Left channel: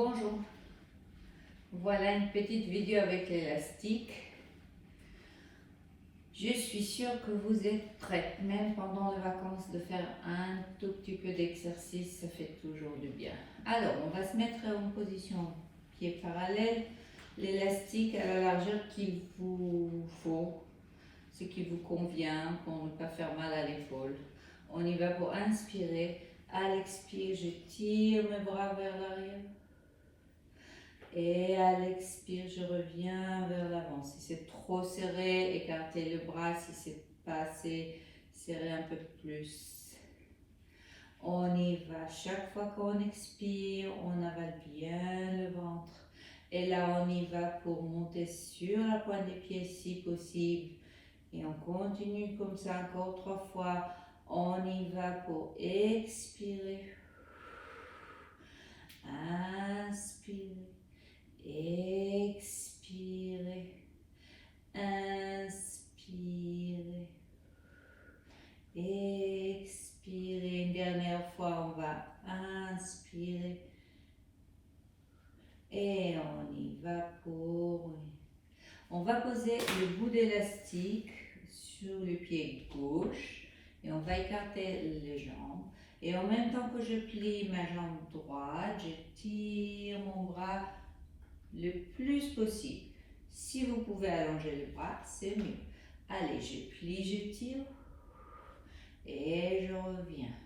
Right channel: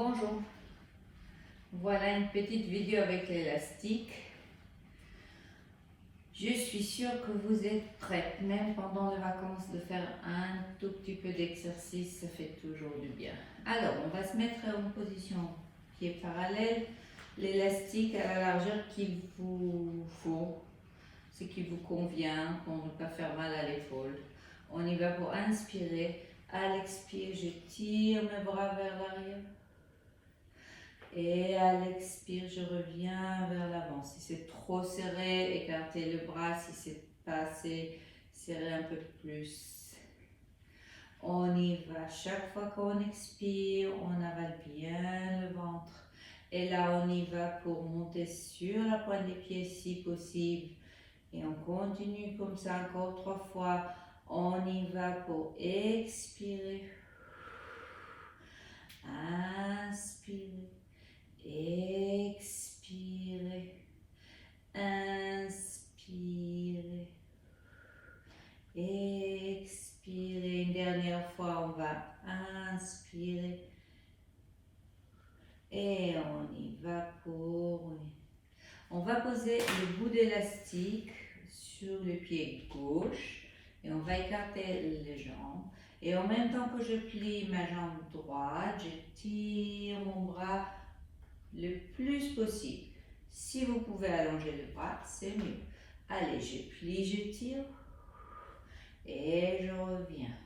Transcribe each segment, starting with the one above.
Bonjour, voilà une petite vidéo avec l'élastique. Je suis sûre que vous êtes prêtes, même pendant les vacances, de faire un tout petit peu d'exercice, ça fait toujours du bien. Alors, on va se mettre en position pied parallèle, l'élastique à la largeur qu'il vous faut, ce qui vous convient pour ne pas faire mal à l'épaule. On y va pour inspirer. À l'expire, je tire mes bras vers l'arrière. Et à l'expire, je reviens vers l'avant. Si c'est trop serré, écartez le bras. Si c'est pas assez serré, un peu plus. On y va. Chaque fois qu'on expire, on avale bien le ventre. Et là, on y va pour monter sur la pointe des pieds si possible. Et on continue comme ça encore 3 fois. On y va pour expirer. Inspirer. Expirez, inspirez, expirez. Une dernière fois, on va inspirer et on y va pour... On va poser le bout d'élastique sur le pied gauche et on va écarter les jambes. Et en même temps que je plie ma jambe droite, je tire mon bras le plus possible. Si vous pouvez allonger le bras, c'est mieux. Allez, je plie, je tire. Et je reviens.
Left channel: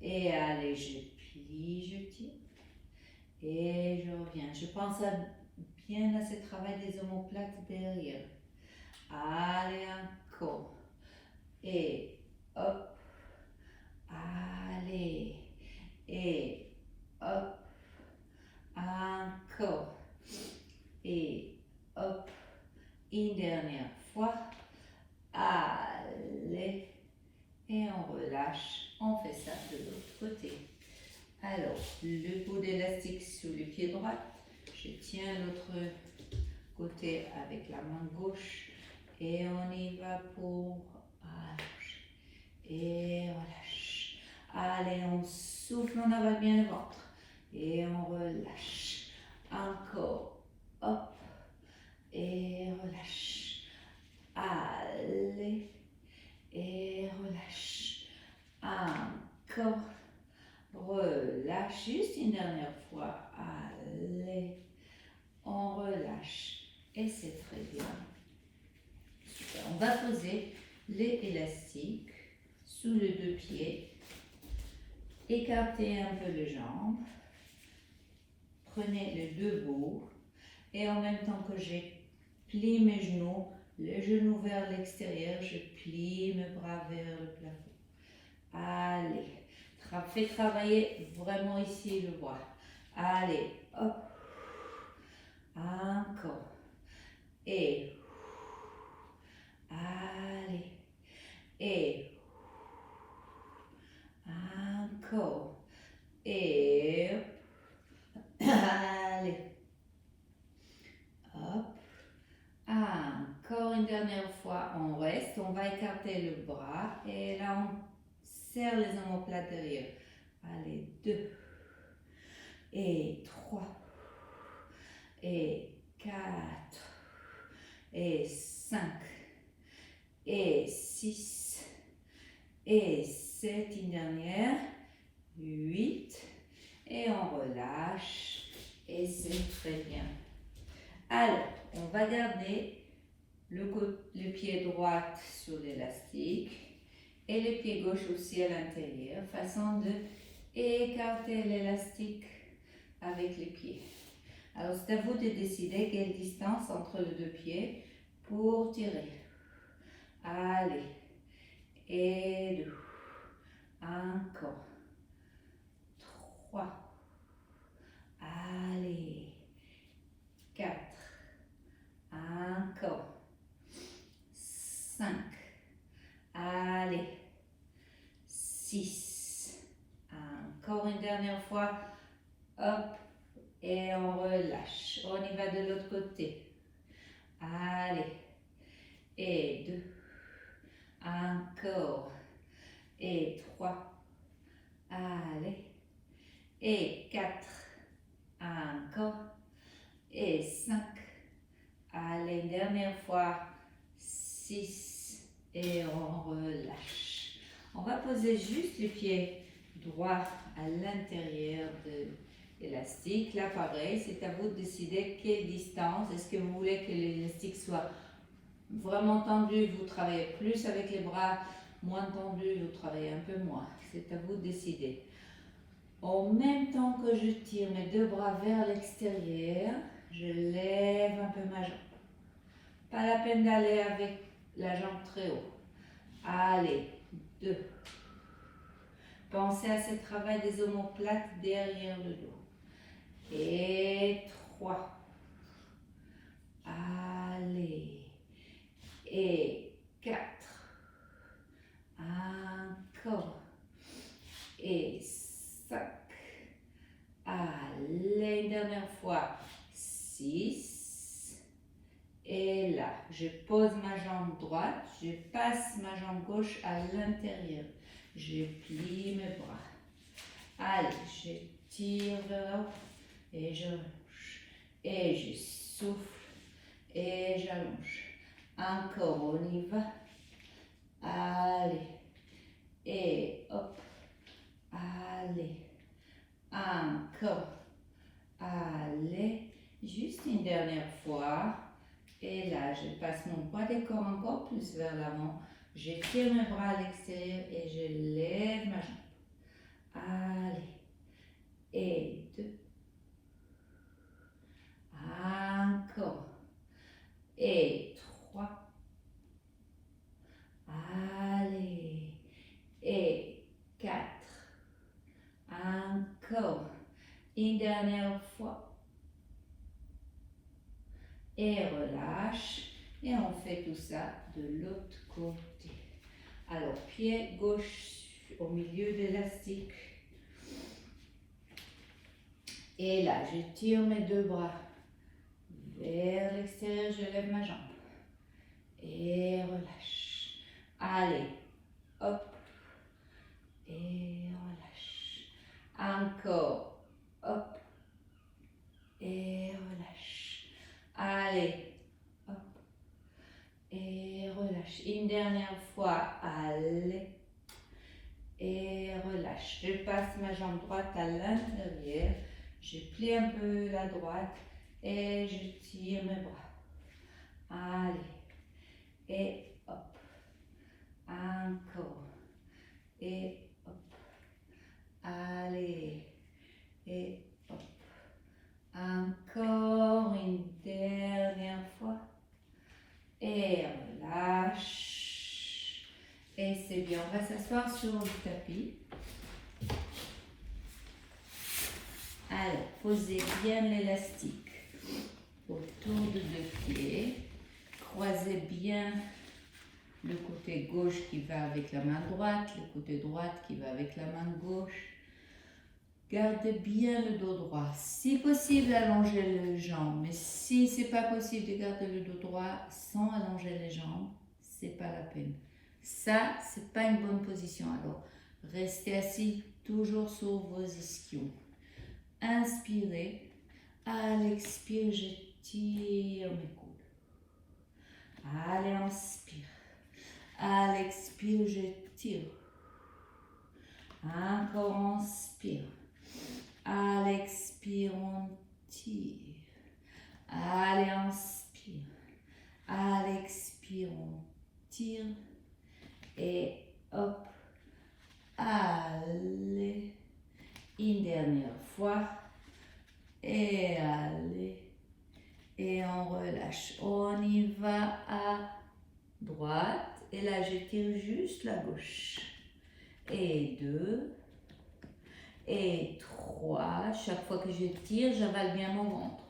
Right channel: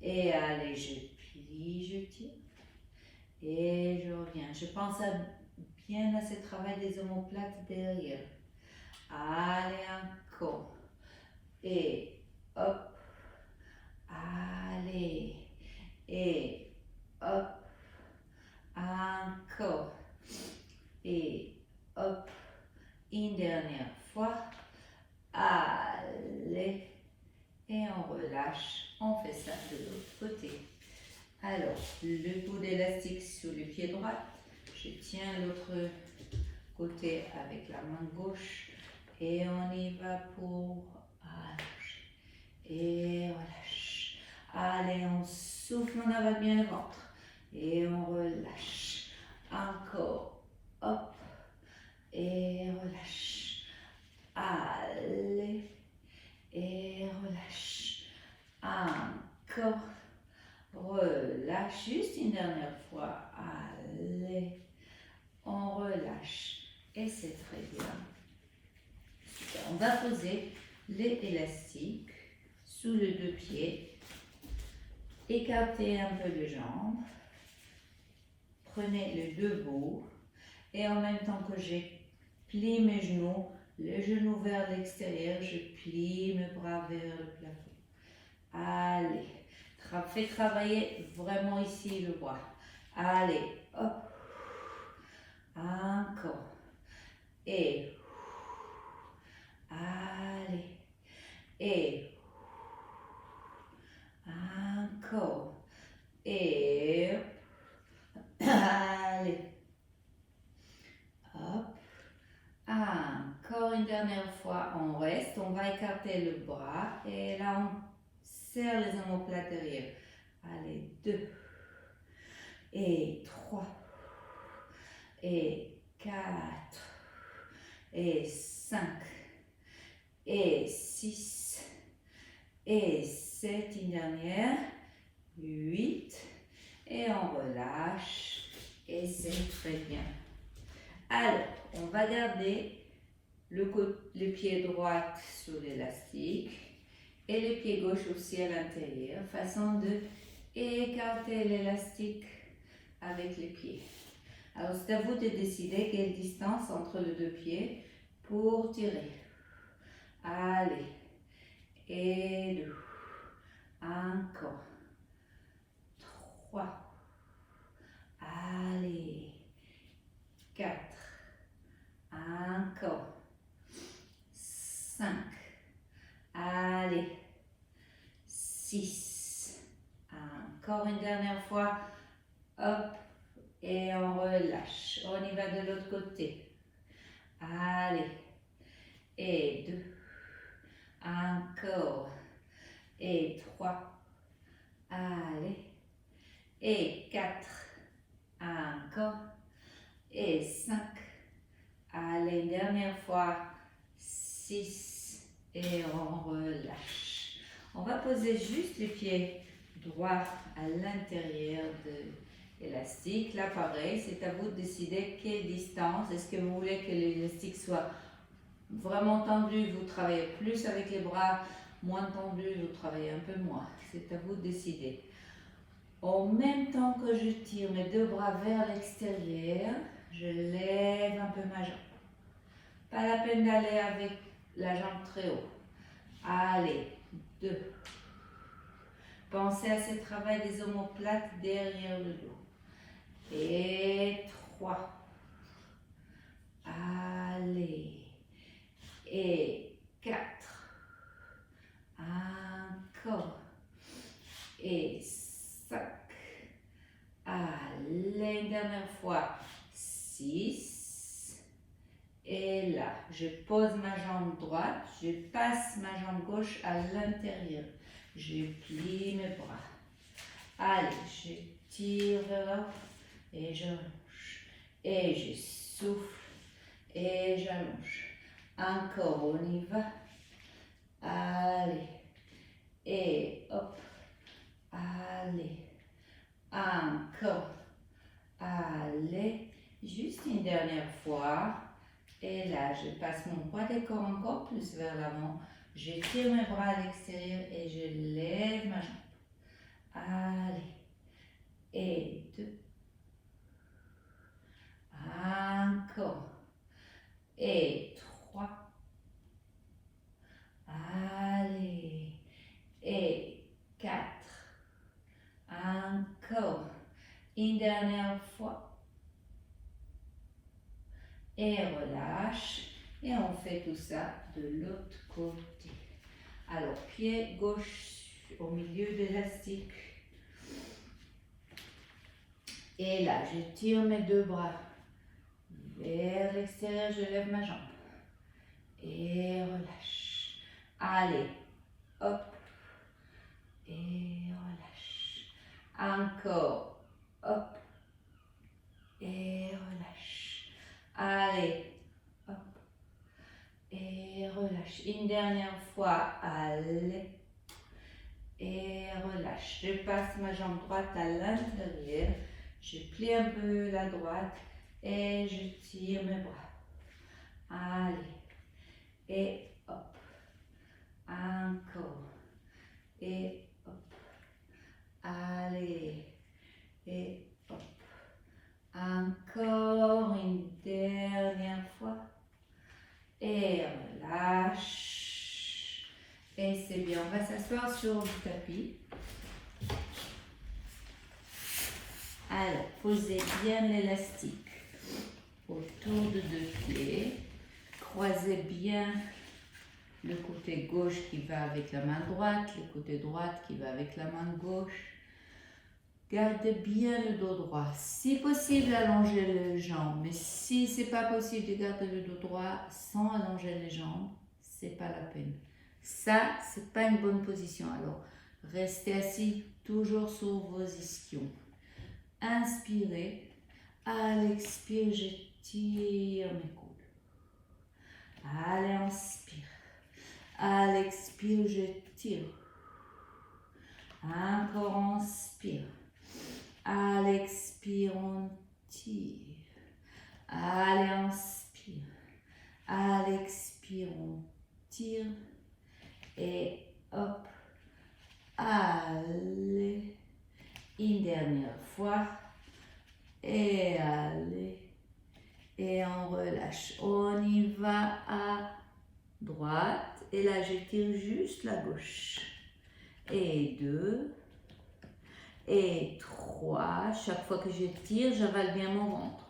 Et allez, je plie, je tire. Et je reviens. Je pense bien à ce travail des omoplates derrière. Allez, encore. Et hop. Allez. Et hop. Encore. Et hop, une dernière fois, allez, et on relâche, on fait ça de l'autre côté. Alors, le bout d'élastique sur le pied droit, je tiens l'autre côté avec la main gauche, et on y va pour allonger, et relâche. Allez, on souffle, on avale bien le ventre, et on relâche, encore. Hop, et relâche. Allez, et relâche. Encore, relâche. Juste une dernière fois. Allez, on relâche. Et c'est très bien. Super. On va poser les élastiques sous les deux pieds. Écartez un peu les jambes. Prenez les deux bouts. Et en même temps que j'ai plié mes genoux, les genoux vers l'extérieur, je plie mes bras vers le plafond. Allez, faites travailler vraiment ici le bras. Allez, hop, encore. Et allez, et encore. Et allez. Hop. Encore une dernière fois, on reste, on va écarter le bras et là on serre les omoplates derrière. Allez, 2 et 3 et 4 et 5 et 6 et 7, une dernière, 8 et on relâche et c'est très bien. Alors, on va garder le pied droit sur l'élastique et le pied gauche aussi à l'intérieur, façon de écarter l'élastique avec les pieds. Alors, c'est à vous de décider quelle distance entre les deux pieds pour tirer. Allez, et 2, encore, 3, allez, 4, encore, 5, allez, 6, encore une dernière fois, hop, et on relâche, on y va de l'autre côté, allez, et 2, encore, et 3, allez, et 4, 6 et on relâche. On va poser juste le pied droit à l'intérieur de l'élastique. Là, pareil, c'est à vous de décider quelle distance. Est-ce que vous voulez que l'élastique soit vraiment tendu, vous travaillez plus avec les bras, moins tendu, vous travaillez un peu moins. C'est à vous de décider. En même temps que je tire mes deux bras vers l'extérieur, je lève un peu ma jambe. Pas la peine d'aller avec la jambe très haut. Allez, 2. Pensez à ce travail des omoplates derrière le dos. Et 3. Allez. Et 4. Encore. Et 5. Allez, dernière fois. 6. Et là, je pose ma jambe droite, je passe ma jambe gauche à l'intérieur. Je plie mes bras. Allez, je tire vers là et je allonge. Et je souffle et j'allonge. Encore, on y va. Allez. Et hop. Allez. Encore. Allez. Juste une dernière fois. Et là, je passe mon poids des corps encore plus vers l'avant. Je tire mes bras à l'extérieur et je lève ma jambe. Allez. Et 2. Encore. Et 3. Allez. Et 4. Encore. Une dernière fois. Et relâche. Et on fait tout ça de l'autre côté. Alors, pied gauche au milieu de l'élastique. Et là, je tire mes deux bras vers l'extérieur, je lève ma jambe. Et relâche. Allez, hop. Et relâche. Encore, hop. Et relâche. Allez, hop. Et relâche. Une dernière fois, allez. Et relâche. Je passe ma jambe droite à l'intérieur. Je plie un peu la droite et je tire mes bras. Allez. Et hop. Encore. Et hop. Allez. Et hop. Encore une dernière fois. Et relâche. Et c'est bien. On va s'asseoir sur le tapis. Alors, posez bien l'élastique autour de deux pieds. Croisez bien le côté gauche qui va avec la main droite, le côté droite qui va avec la main gauche. Gardez bien le dos droit. Si possible, allongez les jambes. Mais si ce n'est pas possible de garder le dos droit sans allonger les jambes, ce n'est pas la peine. Ça, ce n'est pas une bonne position. Alors, restez assis toujours sur vos ischions. Inspirez. À l'expire, je tire mes coudes. Allez, inspire. À l'expire, je tire. Encore inspire. À l'expire, on tire. Allez, inspire. À l'expire, on tire. Et hop. Allez. Une dernière fois. Et allez. Et on relâche. On y va à droite. Et là, je tire juste la gauche. Et 2. Et 3. Chaque fois que je tire, j'avale bien mon ventre.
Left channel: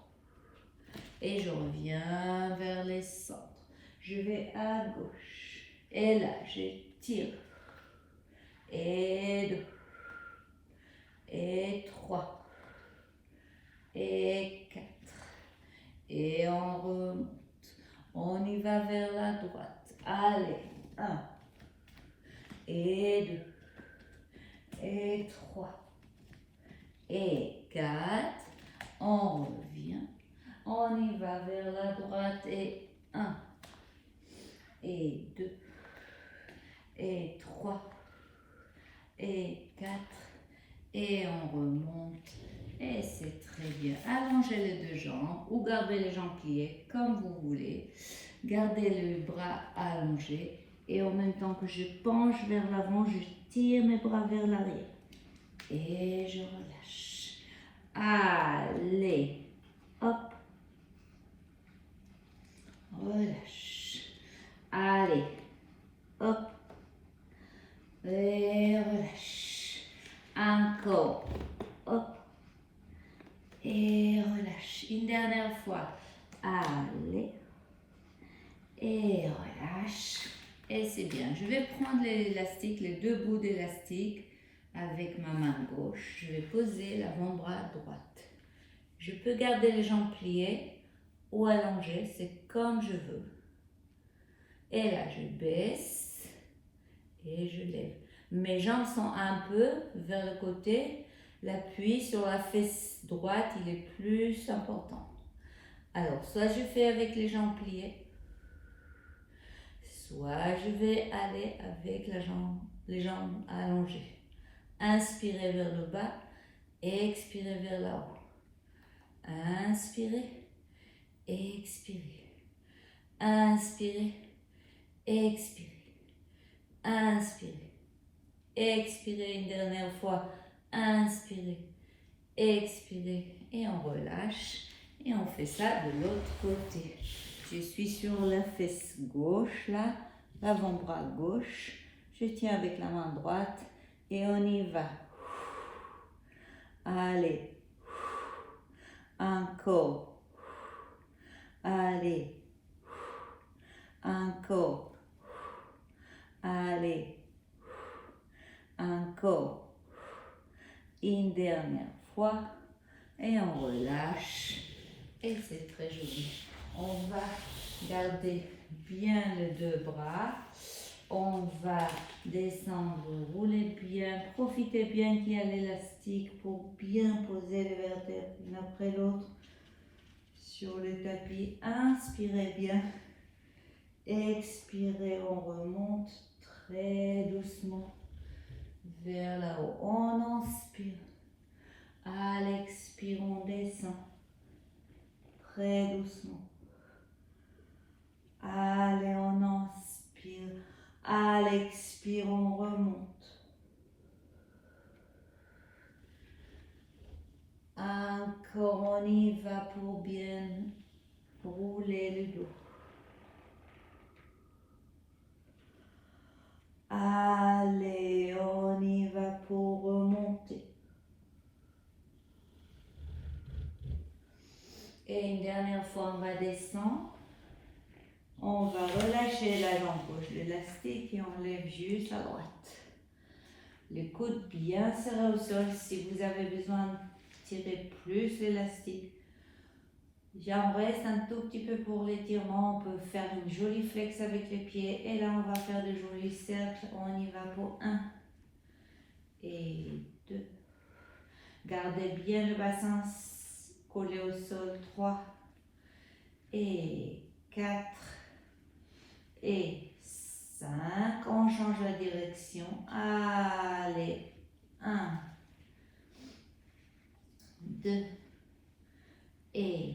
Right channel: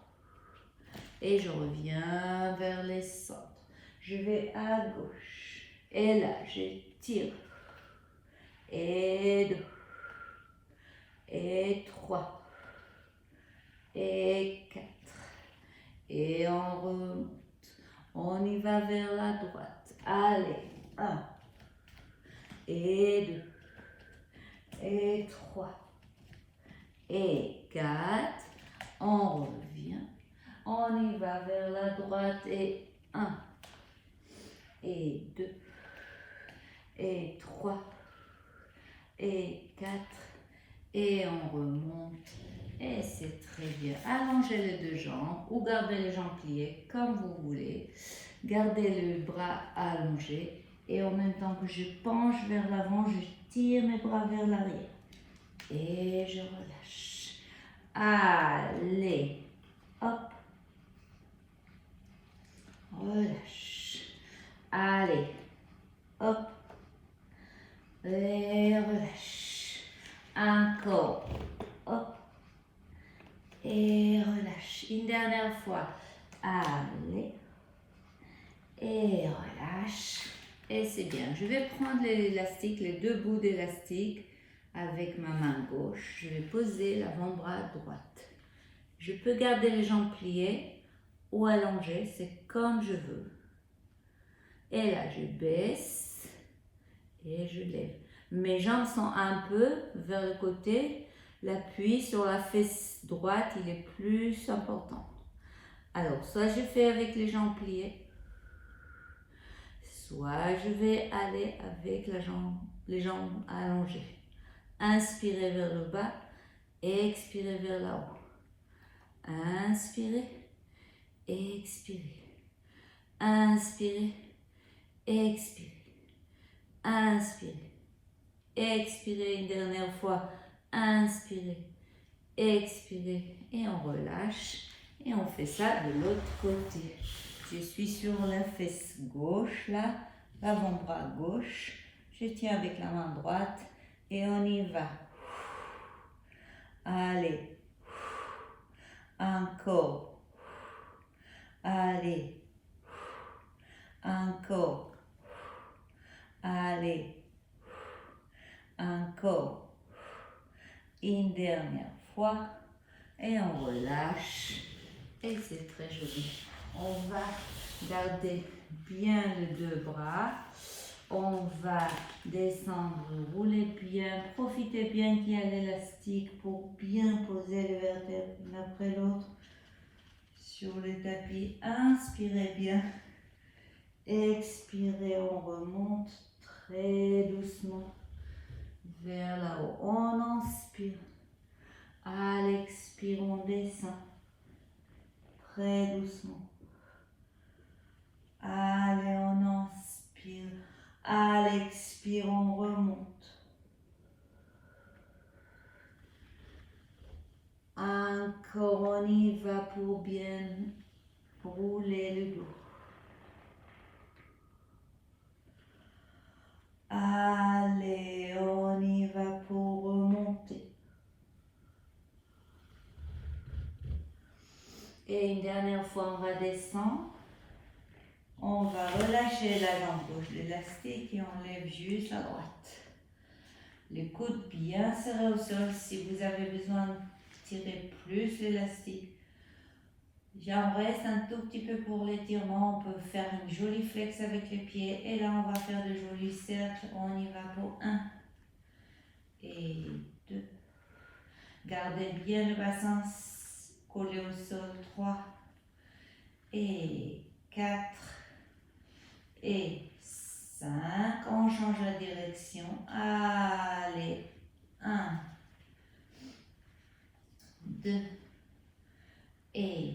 Et je reviens vers les centres. Je vais à gauche. Et là, je tire. Et 2. Et 3. Et 4. Et on remonte. On y va vers la droite. Allez. 1. Et 2. Et 3. Et 4. On revient. On y va vers la droite. Et 1. et 2, et 3, et 4, et on remonte, et c'est très bien. Allongez les deux jambes ou gardez les jambes pliées comme vous voulez. Gardez le bras allongé et en même temps que je penche vers l'avant, je tire mes bras vers l'arrière et je relâche. Allez, hop, relâche. Allez, hop, et relâche. Encore, hop, et relâche. Une dernière fois. Allez, et relâche. Et c'est bien. Je vais prendre l'élastique, les deux bouts d'élastique avec ma main gauche. Je vais poser l'avant-bras droite. Je peux garder les jambes pliées ou allongées, c'est comme je veux. Et là, je baisse et je lève. Mes jambes sont un peu vers le côté. L'appui sur la fesse droite, il est plus important. Alors, soit je fais avec les jambes pliées, soit je vais aller avec les jambes allongées. Inspirez vers le bas et expirez vers le haut. Inspirez, expirez. Inspirez, expirez. Inspirez, expirez une dernière fois. Inspirez, expirez et on relâche. Et on fait ça de l'autre côté. Je suis sur la fesse gauche, là, l'avant-bras gauche. Je tiens avec la main droite et on y va. Allez. Encore. Allez. Encore. Allez. Encore. Une dernière fois. Et on relâche. Et c'est très joli. On va garder bien les deux bras. On va descendre, rouler bien. Profitez bien qu'il y a l'élastique pour bien poser les vertèbres l'une après l'autre sur le tapis. Inspirez bien. Expirez, on remonte très doucement vers là-haut. On inspire. À l'expire, on descend très doucement. Allez, on inspire. À l'expire, on remonte. Encore, on y va pour bien rouler le dos. Allez, on y va pour remonter. Et une dernière fois, on va descendre. On va relâcher la jambe gauche, l'élastique, et on lève juste à droite. Les coudes bien serrés au sol. Si vous avez besoin de tirer plus l'élastique, j'en reste un tout petit peu pour l'étirement. On peut faire une jolie flex avec les pieds. Et là, on va faire de jolis cercles. On y va pour 1 et 2. Gardez bien le bassin collé au sol. 3 et 4 et 5. On change la direction. Allez. 1, 2 et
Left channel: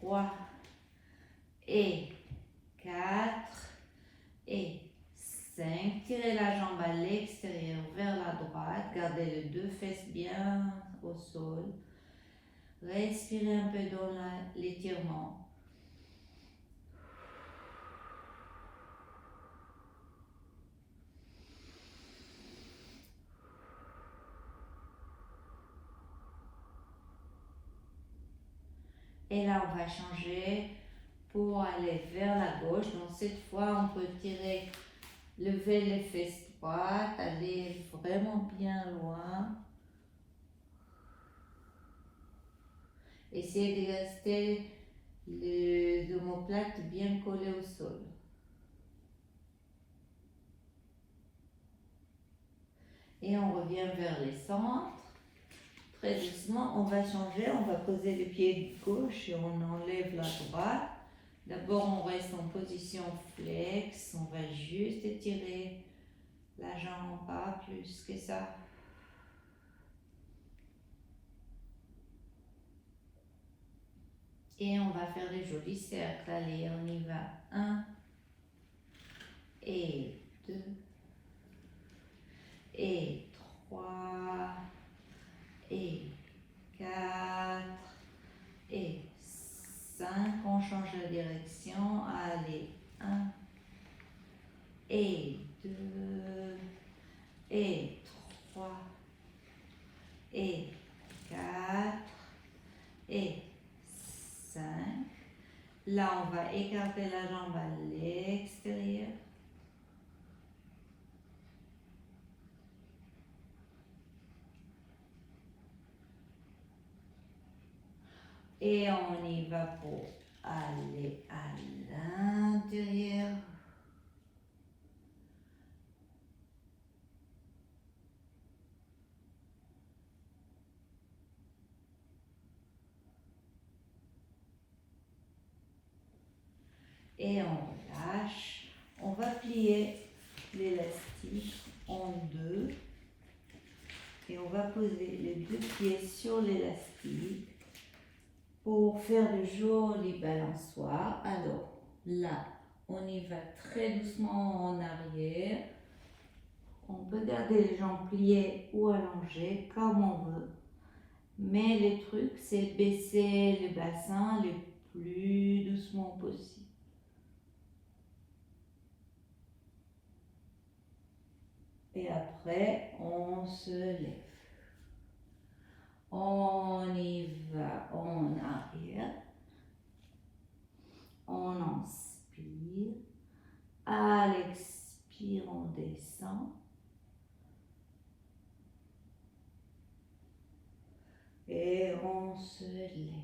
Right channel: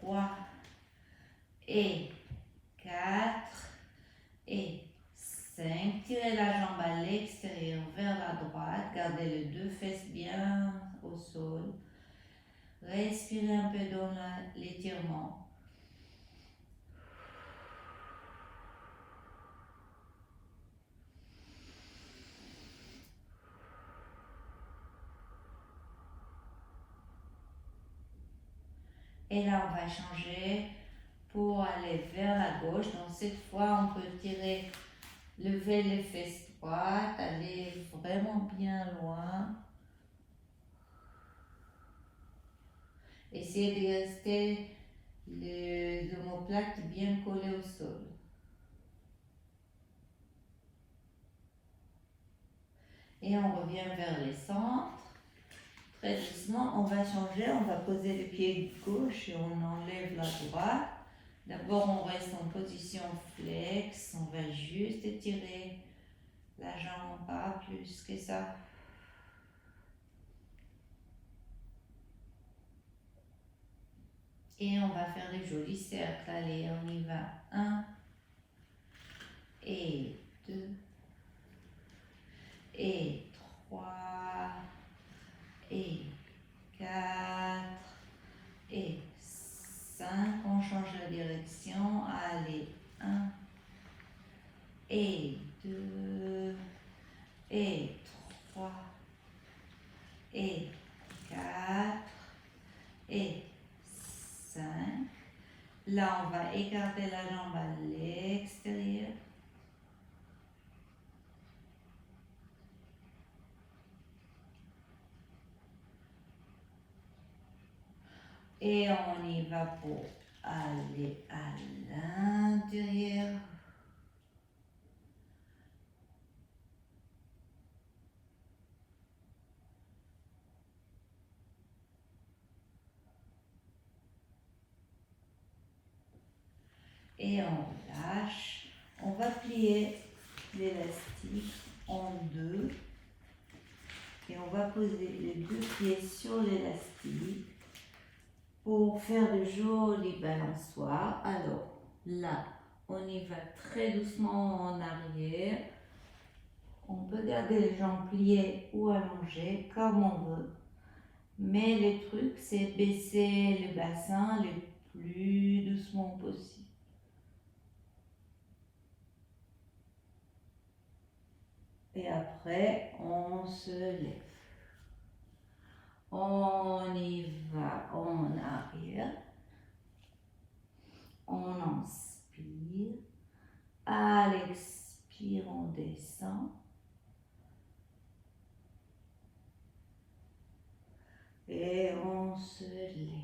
3 et 4 et 5. Tirez la jambe à l'extérieur vers la droite. Gardez les deux fesses bien au sol. Respirez un peu dans l'étirement. Et là, on va changer pour aller vers la gauche. Donc, cette fois, on peut lever les fesses droites, aller vraiment bien loin. Essayez de rester les omoplates bien collés au sol. Et on revient vers les centres. Très doucement, on va changer, on va poser le pied gauche et on enlève la droite. D'abord, on reste en position flex. On va juste étirer la jambe, pas plus que ça. Et on va faire des jolis cercles. Allez, on y va. 1 et 2 et 3 et 4 et 5. On change la direction. Allez, 1 et 2 et 3 et 4 et 5. Là, on va écarter la jambe à l'extérieur. Et on y va pour aller à l'intérieur. Et on relâche. On va plier l'élastique en deux. Et on va poser les deux pieds sur l'élastique pour faire de jolis balançoires. Alors là, on y va très doucement en arrière. On peut garder les jambes pliées ou allongées comme on veut. Mais le truc, c'est baisser le bassin le plus doucement possible. Et après, on se lève. On y va en arrière. On inspire. À l'expire, on descend. Et on se lève.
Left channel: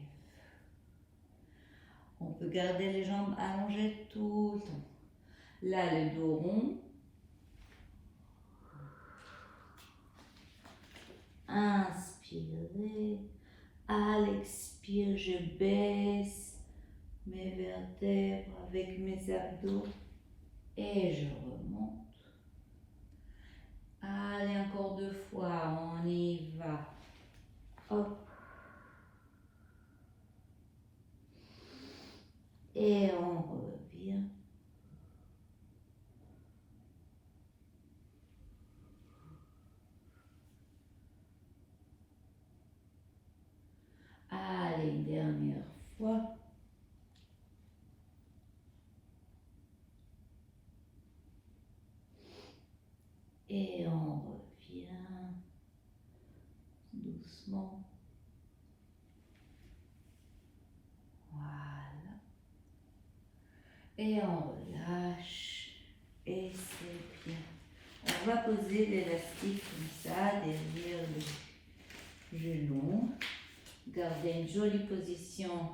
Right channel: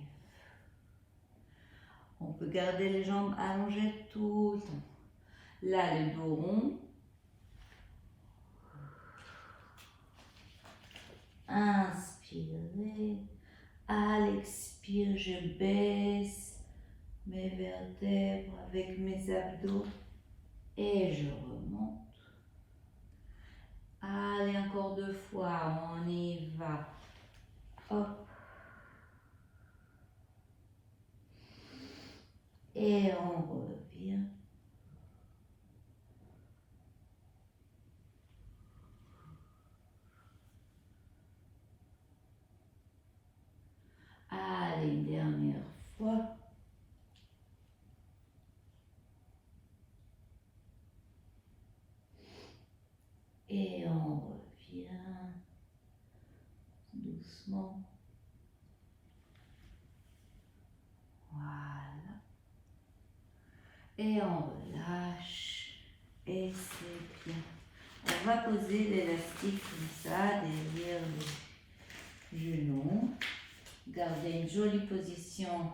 On peut garder les jambes allongées tout le temps. Là, le dos rond. Inspirez. À l'expire, je baisse mes vertèbres avec mes abdos et je remonte. Allez, encore 2 fois, on y va. Hop. Et on revient. Allez, une dernière fois. Et on revient doucement. Voilà. Et on relâche. Et c'est bien. On va poser l'élastique comme ça derrière le genou. Gardez une jolie position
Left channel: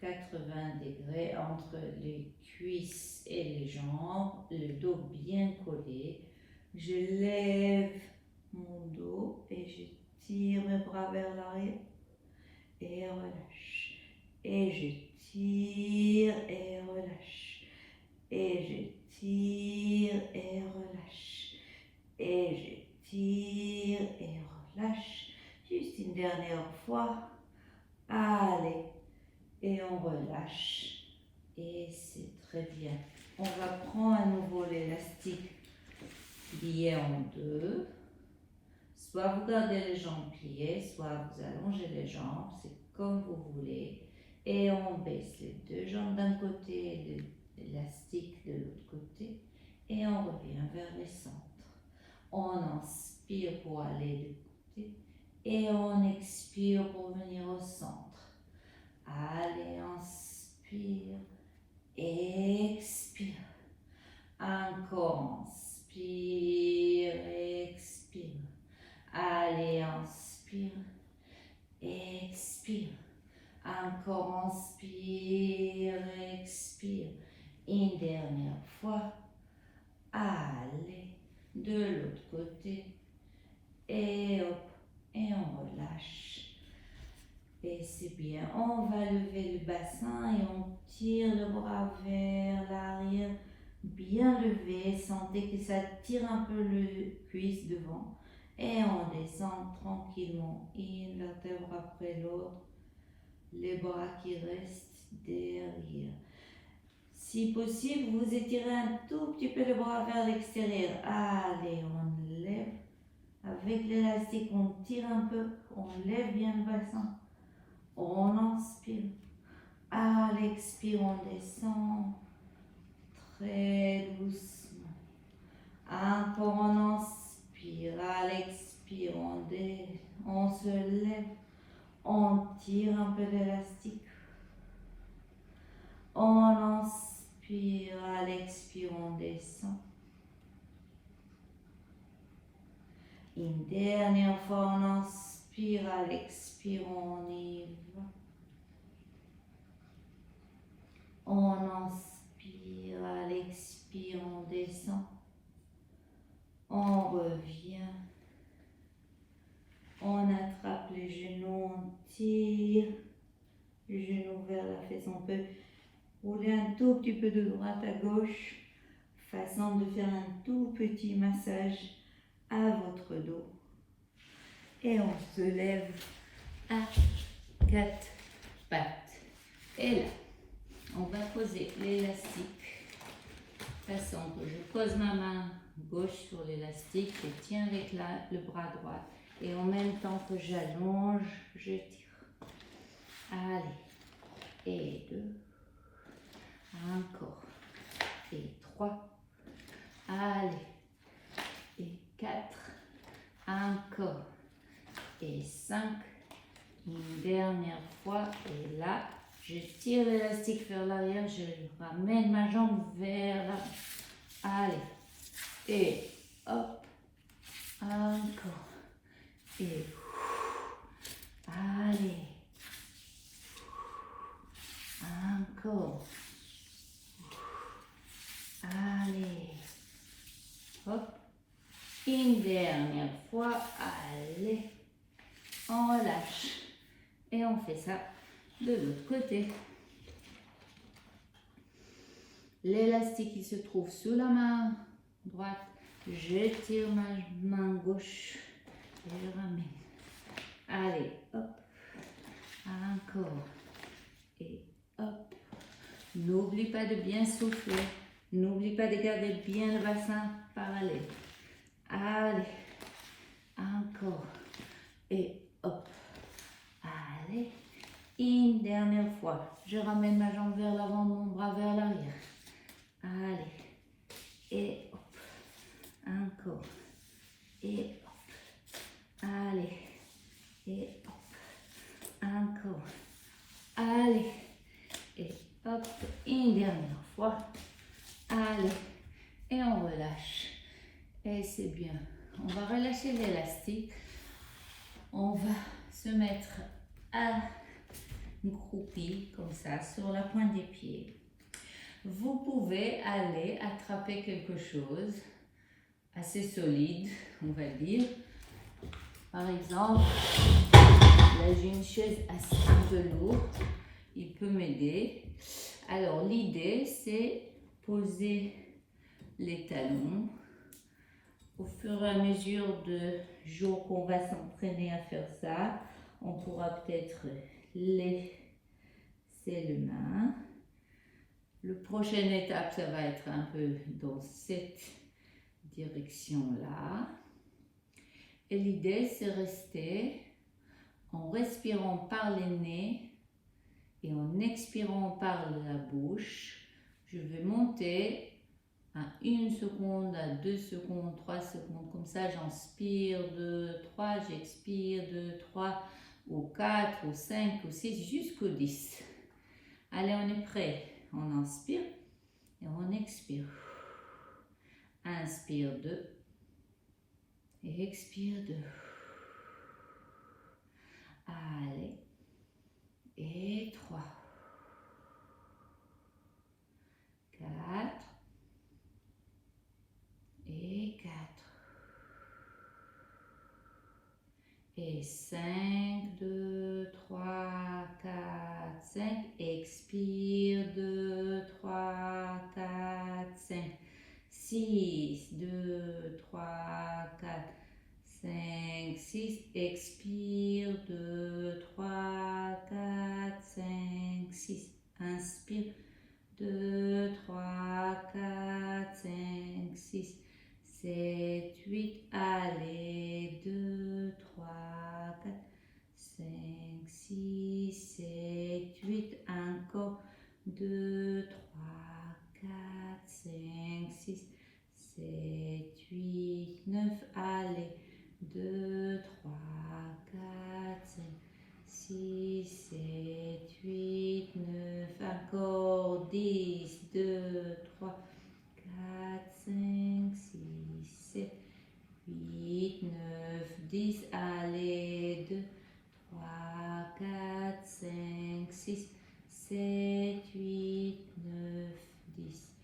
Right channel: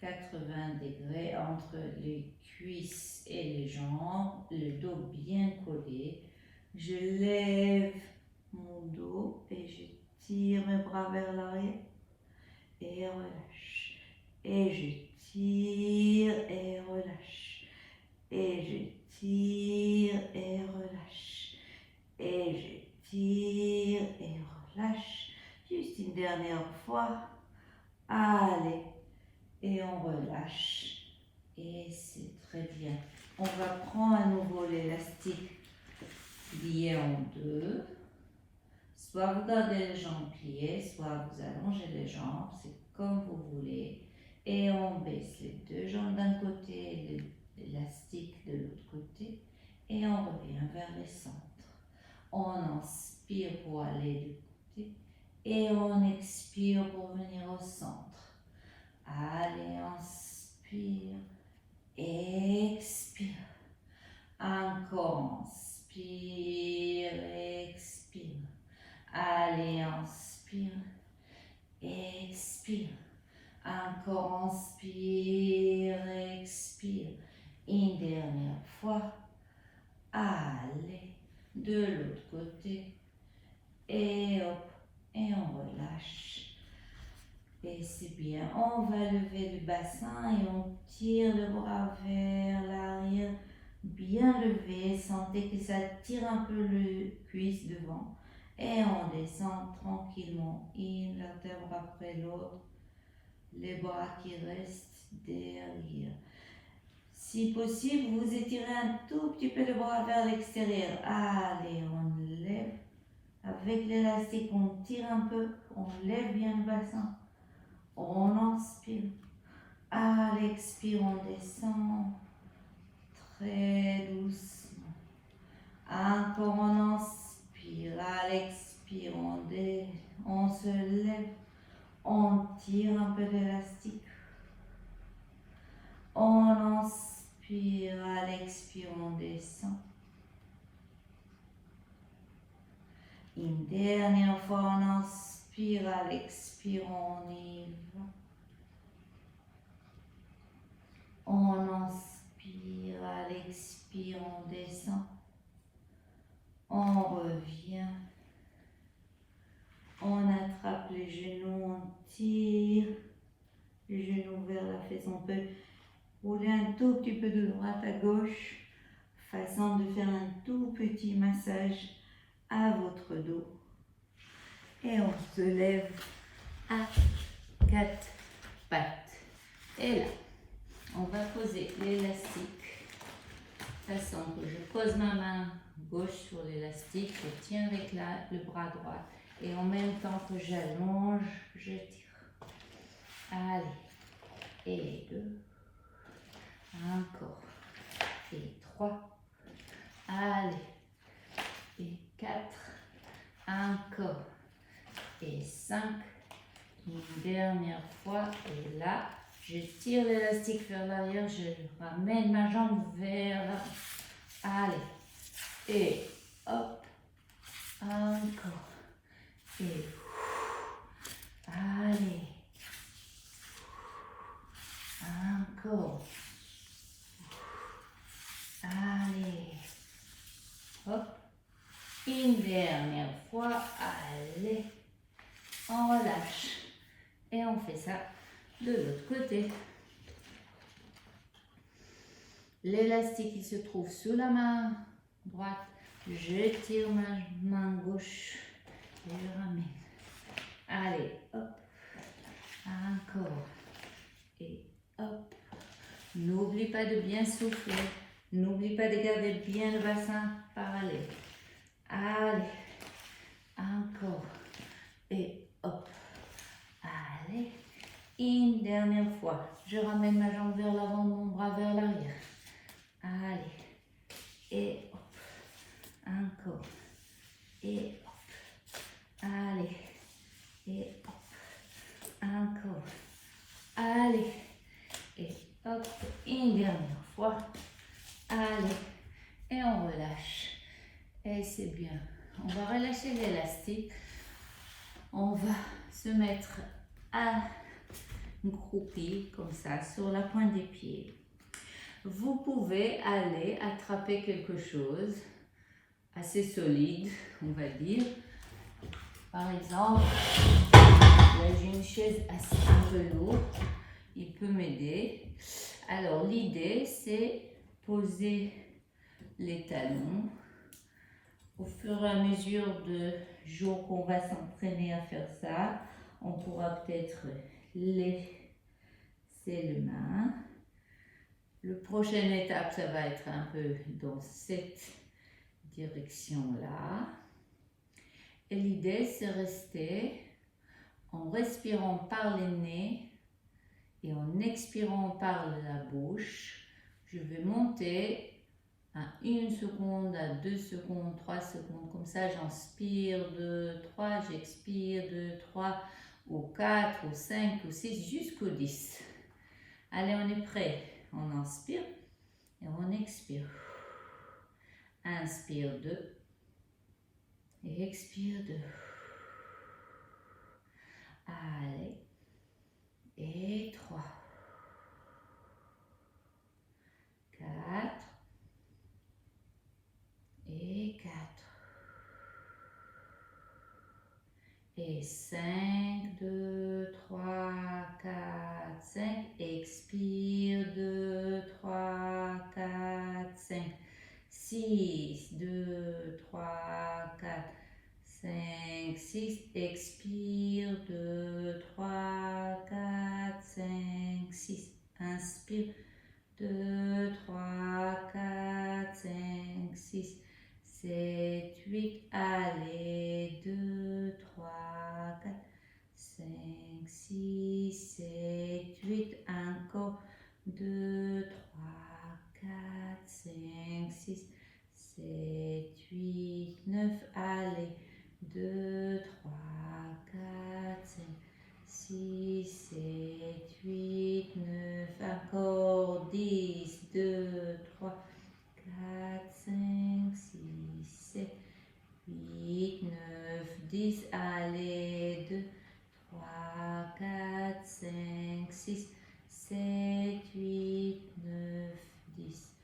80 degrés entre les cuisses et les jambes, le dos bien collé. Je lève mon dos et je tire mes bras vers l'arrière et relâche. Et je tire et relâche. Et je tire et relâche. Et je tire et relâche. Juste une dernière fois. Allez. Et on relâche. Et c'est très bien. On va prendre à nouveau l'élastique plié en deux. Soit vous gardez les jambes pliées, soit vous allongez les jambes. C'est comme vous voulez. Et on baisse les deux jambes d'un côté et l'élastique de l'autre côté. Et on revient vers le centre. On inspire pour aller de côté. Et on expire pour venir au centre. Allez, inspire, expire. Encore, inspire, expire. Allez, inspire, expire. Encore, inspire, expire. Une dernière fois. Allez, de l'autre côté. Et hop, et on relâche. Et c'est bien. On va lever le bassin et on tire le bras vers l'arrière. Bien levé. Sentez que ça tire un peu le cuisse devant. Et on descend tranquillement. Une vertèbre après l'autre. Les bras qui restent derrière. Si possible, vous étirez un tout petit peu le bras vers l'extérieur. Allez, on lève. Avec l'élastique, on tire un peu. On lève bien le bassin. On inspire. À l'expire, on descend très doucement. Encore, on inspire. À l'expire, on se lève. On tire un peu d'élastique. On inspire. À l'expire, on descend. Une dernière fois, on inspire. À l'expire, on y va. On inspire, à l'expire, on descend. On revient. On attrape les genoux, on tire. Les genoux vers la fesse. On peut rouler un tout petit peu de droite à gauche. Façon de faire un tout petit massage à votre dos. Et on se lève à 4 pattes. Et là, on va poser l'élastique, façon que je pose ma main gauche sur l'élastique, je tiens avec le bras droit et en même temps que j'allonge, je tire. Allez, et 2, encore, et 3, allez, et 4, encore, et 5, une dernière fois, et là, je tire l'élastique vers l'arrière, je ramène ma jambe vers... Allez. Et hop. Encore. Et... Allez. Encore. Allez. Hop. Une dernière fois. Allez. On relâche. Et on fait ça de l'autre côté. L'élastique qui se trouve sous la main droite, je tire ma main gauche et je ramène. Allez, hop, encore et hop. N'oublie pas de bien souffler, n'oublie pas de garder bien le bassin parallèle. Allez, encore et hop. Allez. Une dernière fois, je ramène ma jambe vers l'avant, mon bras vers l'arrière. Allez, et hop, encore, et hop, allez, et hop, encore, allez, et hop, une dernière fois, allez, et on relâche. Et c'est bien, on va relâcher l'élastique, on va se mettre à groupie comme ça sur la pointe des pieds. Vous pouvez aller attraper quelque chose assez solide, on va dire. Par exemple, là j'ai une chaise assez un peu lourde, il peut m'aider. Alors l'idée c'est poser les talons. Au fur et à mesure de jours qu'on va s'entraîner à faire ça, on pourra peut-être laisser les mains. Le prochaine étape, ça va être un peu dans cette direction-là. Et l'idée, c'est rester en respirant par le nez et en expirant par la bouche. Je vais monter à 1 seconde, à 2 secondes, 3 secondes. Comme ça, j'inspire 2, 3, j'expire 2, 3, ou 4, ou 5, ou 6, jusqu'au 10. Allez, on est prêt. On inspire et on expire. Inspire 2 et expire 2. Allez. Et 3. 4. Et 4. Et 5, 2, 3, 4, 5. Expire, 2, 3, 4, 5. 6, 2, 3, 4, 5, 6. Expire, 2, 3, 4, 5, 6. Inspire, 2, 3, 4, 5, 6, 7, 8. Allez, 2, 3, 4, 5, 6, 7, 8. Encore, 2, 3, 4, 5, 6, 7, 8, 9. Allez, 2, 3, 4, 5, 6, 7, 8, 9. Encore 10, 2, 3, 4, 5, 6, 7, 8, 9, 10. Allez, 2, 3, 4, 5, 6, 7, 8, 9, 10.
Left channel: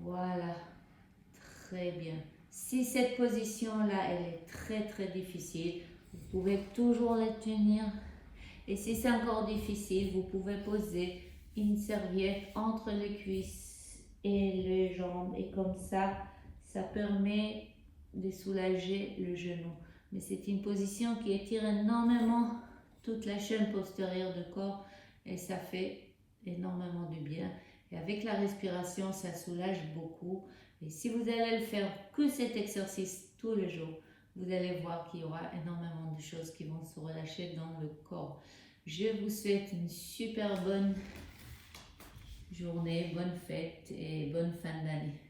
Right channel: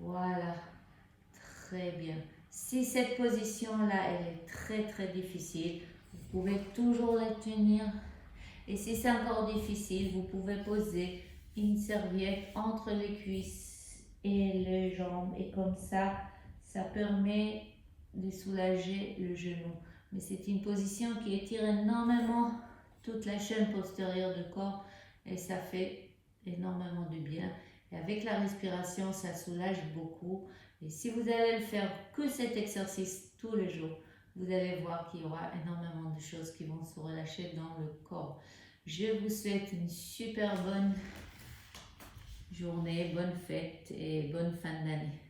Voilà, très bien. Si cette position-là, elle est très difficile, vous pouvez toujours les tenir. Et si c'est encore difficile, vous pouvez poser une serviette entre les cuisses et les jambes. Et comme ça permet de soulager le genou. Mais c'est une position qui étire énormément toute la chaîne postérieure du corps et ça fait énormément du bien. Et avec la respiration, ça soulage beaucoup. Et si vous allez le faire que cet exercice tous les jours, vous allez voir qu'il y aura énormément de choses qui vont se relâcher dans le corps. Je vous souhaite une super bonne journée, bonne fête et bonne fin d'année.